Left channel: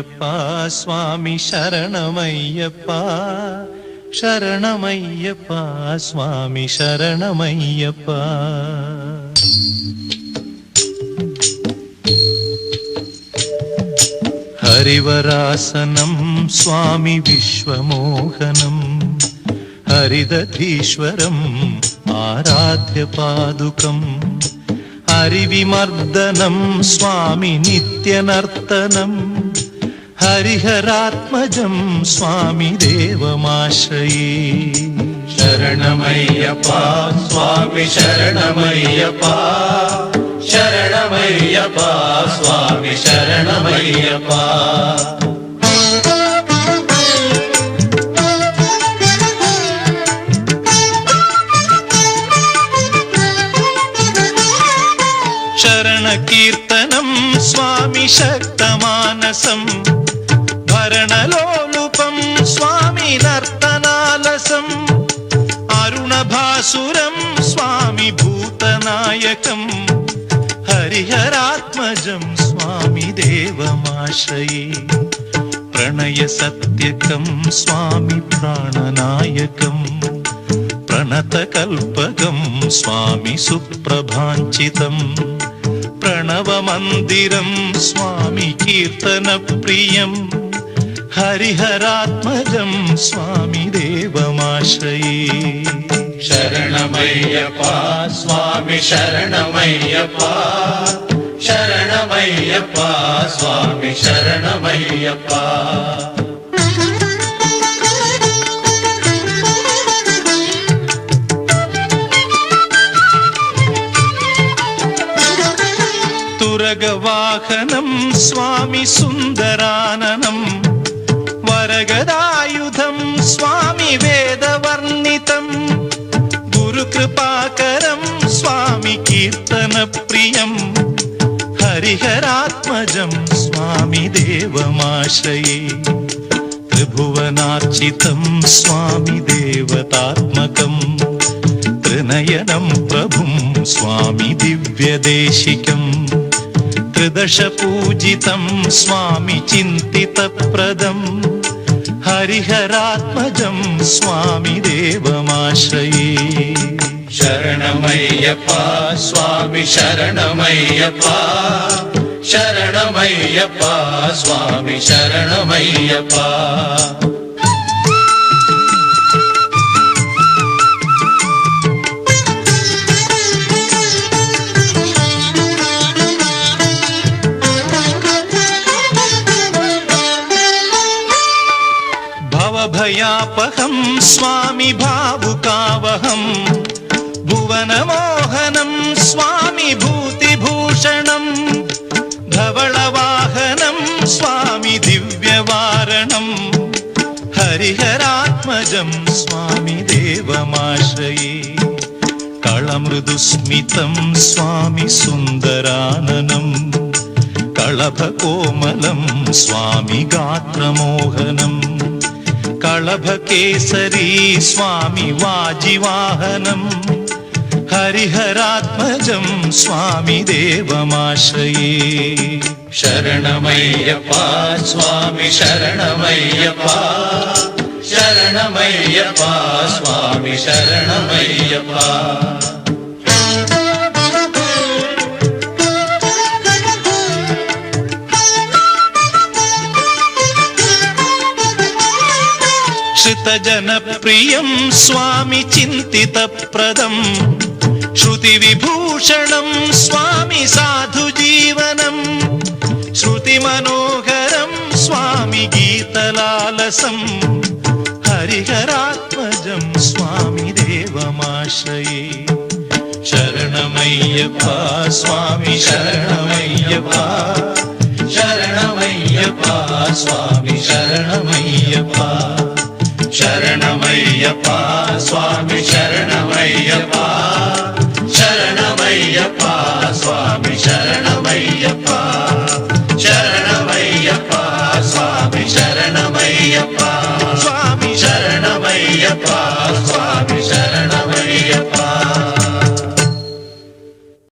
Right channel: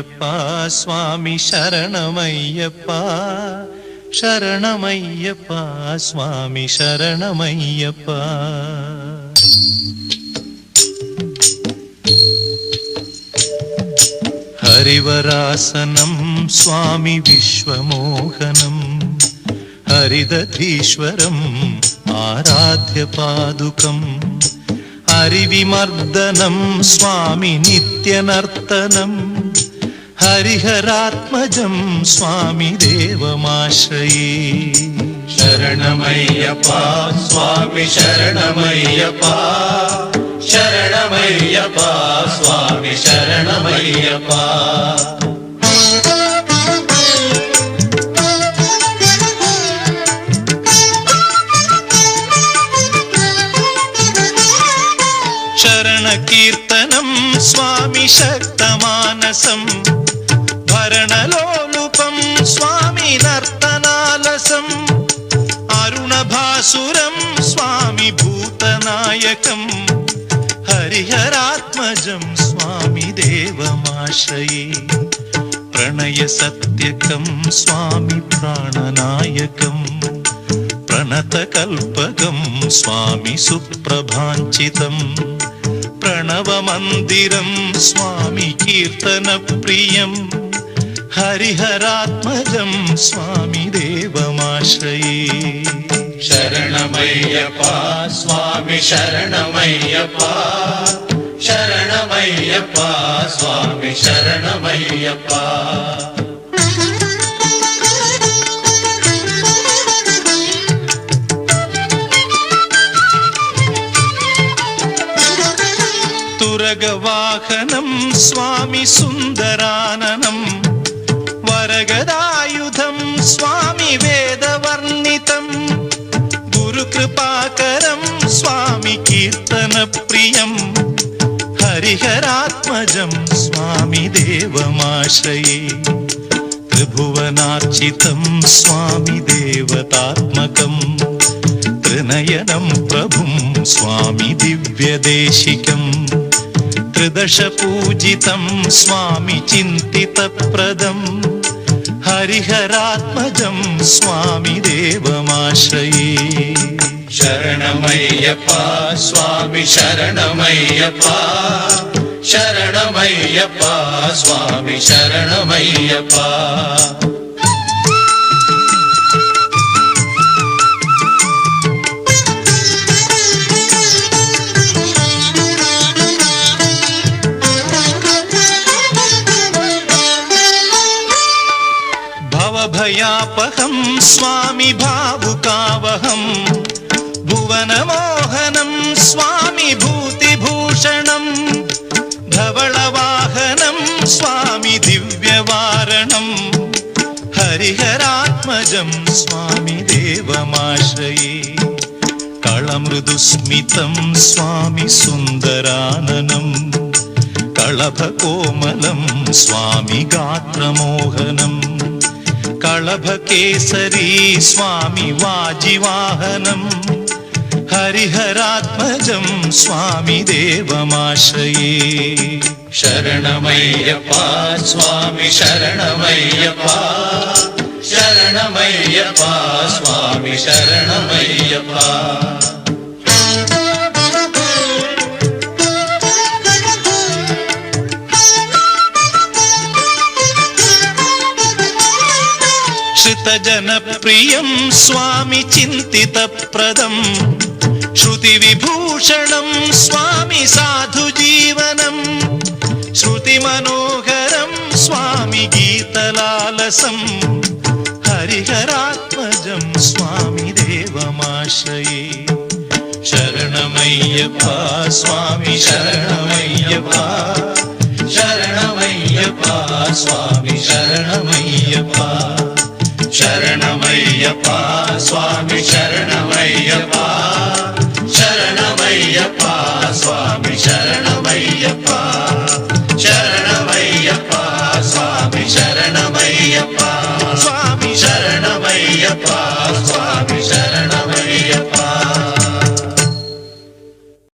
ശരണമയ്യപ്പ സ്വാമി ശരണമയ്യപ്പ ശരണമയ്യപ്പ സ്വാമി ശരണമയ്യപ്പ. ഹരിവരാസനം സ്വാമി വിശ്വമോഹനം ഹരിദധീശ്വരം ആരാധ്യപാദുകം ഹരിവിമർദ്ദനം സ്വാമി നിത്യനർത്തനം ഹരിഹരാത്മജം സ്വാമി ദേവമാശ്രയേ. ശരണമയ്യപ്പ സ്വാമി ശരണമയ്യപ്പ ശരണമയ്യപ്പ സ്വാമി ശരണമയ്യപ്പ. ശരണകീർത്തനം സ്വാമി ശക്തമാനസം ഭരണലോലുപം സ്വാമി നർത്തനാലസം അരുണഭാസുരം സ്വാമി ഭൂതനായകം ഹരിഹരാത്മജം സ്വാമി ദേവമാശ്രയേ. പ്രണയസത്യകം സ്വാമി പ്രാണനായകം പ്രണതകൽപകം സ്വാമി സുപ്രഭാഞ്ചിതം പ്രണവമന്ദിരം സ്വാമി കീർത്തനപ്രിയം ഹരിഹരാത്മജം സ്വാമി ദേവമാശ്രയേ. ശരണമയ്യപ്പ സ്വാമി ശരണമയ്യപ്പ ശരണമയ്യപ്പ സ്വാമി ശരണമയ്യപ്പ. തുരഗവാഹനം സ്വാമി സുന്ദരാനനം വരഗദായുധം സ്വാമി വേദവർണ്ണിതം ഗുരുകൃപാകരം സ്വാമി കീർത്തനപ്രിയം ഹരിഹരാത്മജം സ്വാമി ദേവമാശ്രയേ. ത്രിഭുവനാർച്ചിതം സ്വാമി ദേവതാത്മകം ത്രിനയനം പ്രഭും സ്വാമി ദിവ്യദേശികം ത്രിദശപൂജിതം സ്വാമി ചിന്തിതപ്രദം ഹരിഹരാത്മജം സ്വാമി ദേവമാശ്രയേ. ശരണമയ്യപ്പ സ്വാമി ശരണമയ്യപ്പ ശരണമയ്യപ്പ സ്വാമി ശരണമയ്യപ്പ. ഭവഭയാപഹം സ്വാമി ഭാവുകാവഹം ഭുവനമോഹനം സ്വാമി ഭൂതിഭൂഷണം ധവളവാഹനം സ്വാമി ദിവ്യവാരണം ഹരിഹരാത്മജം സ്വാമി ദേവമാശ്രയേ. കളമൃദുസ്മിതം സ്വാമി സുന്ദരാനനം കളഭകോമലം സ്വാമി ഗാത്രമോഹനം കളഭകേസരീ സ്വാമി വാജിവാഹനം ഹരിഹരാത്മജം സ്വാമി ദേവമാശ്രയേ. ശരണമയ്യപ്പ സ്വാമി ശരണമയ്യപ്പ ശരണമയ്യപ്പ സ്വാമി ശരണമയ്യപ്പ. ശ്രുതജനപ്രിയം സ്വാമി ചിന്തിതപ്രദം ശ്രുതിവിഭൂഷണം സ്വാമി സാധുജീവനം ശ്രുതിമനോഹരം സ്വാമി ഗീതലാലസം ഹരിഹരാത്മജം സ്വാമി ദേവമാശ്രയേ. ശരണമയ്യപ്പ സ്വാമി ശരണമയ്യപ്പ ശരണമയ്യപ്പ സ്വാമി ശരണമയ്യപ്പ ശരണമയ്യപ്പ സ്വാമി ശരണമയ്യപ്പ